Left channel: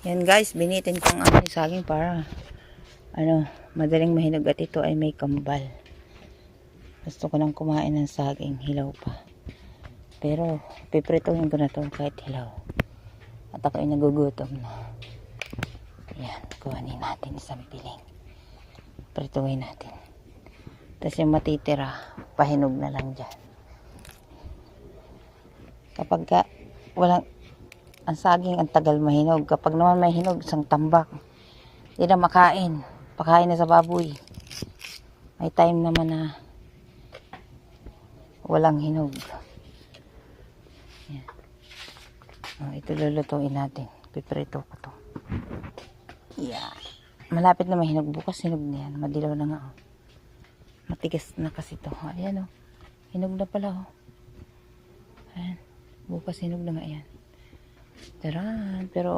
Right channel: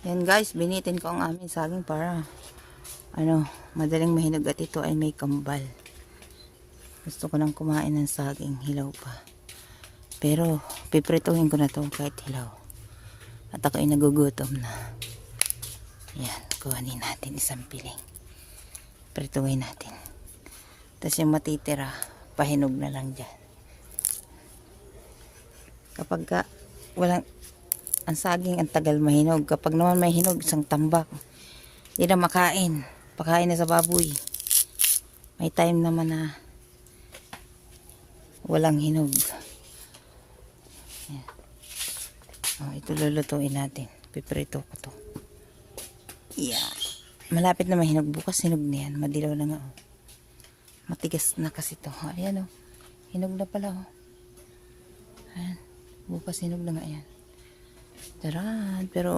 Yan guys, binitin ko ang aming saging para madaling mahinog at ito ay may kambal. Gusto ko lang kumain ng saging, hilaw pa. Pero piprituhin ko na ito kahit hilaw. At ako ay nagugutom na. Yan, kuhanin natin isang piling. Prituhin natin. Tapos yung matitira, pahinog na lang dyan. Kapag walang ang saging, ang tagal mahinog. Kapag naman may hinog, isang tambak. Hindi na makain. Pakain na sa baboy. May time naman na walang hinog. Yan. Ito lulutuin natin. Piprito ko to. Yan. Malapit na mahinog. Bukas hinog na yan. Madilaw na nga. Matigas na kasi to. Ayan o. Hinog na pala o. Ayan. Bukas hinog na nga yan. Pero